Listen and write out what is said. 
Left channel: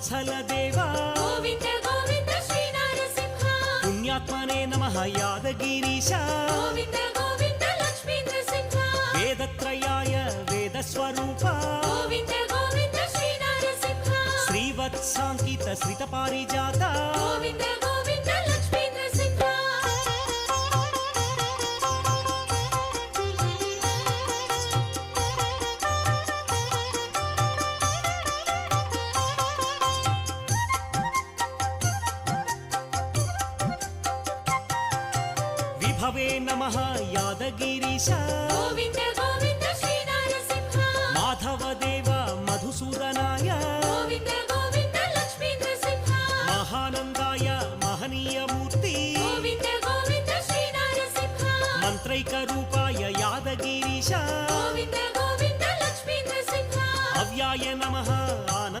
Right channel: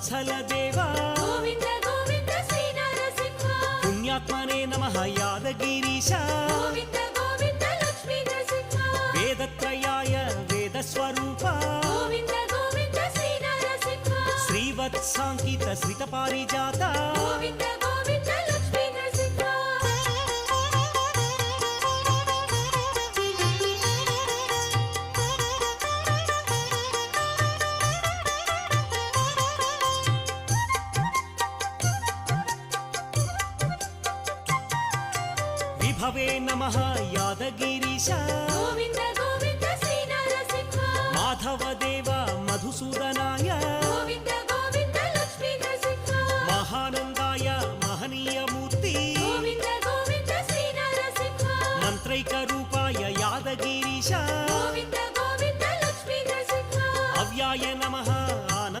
वत्सल देवा गोविन्द गोविन्द श्री नरसिंह पुण्यात्मने नमः यादगिरीश गोविन्द गोविन्द लक्ष्मी नरसिंह वेदत्रयाय वेदस्वरूप गोविन्द गोविन्द श्री नरसिंह श्रीवत्साङ्कित श्रितपारिजात गोविन्द गोविन्द लक्ष्मी नरसिंह विभवे नमः यादगिरीश गोविन्द गोविन्द श्री नरसिंह माधवदेव मधुसूदनाय गोविन्द गोविन्द लक्ष्मी नरसिंह महानन्दाय महनीयमूर्ति गोविन्द गोविन्द श्री नरसिंह मन्त्रैकरूपाय यादगिरीश गोविन्द गोविन्द लक्ष्मी नरसिंह अव्याय नमः आनन्द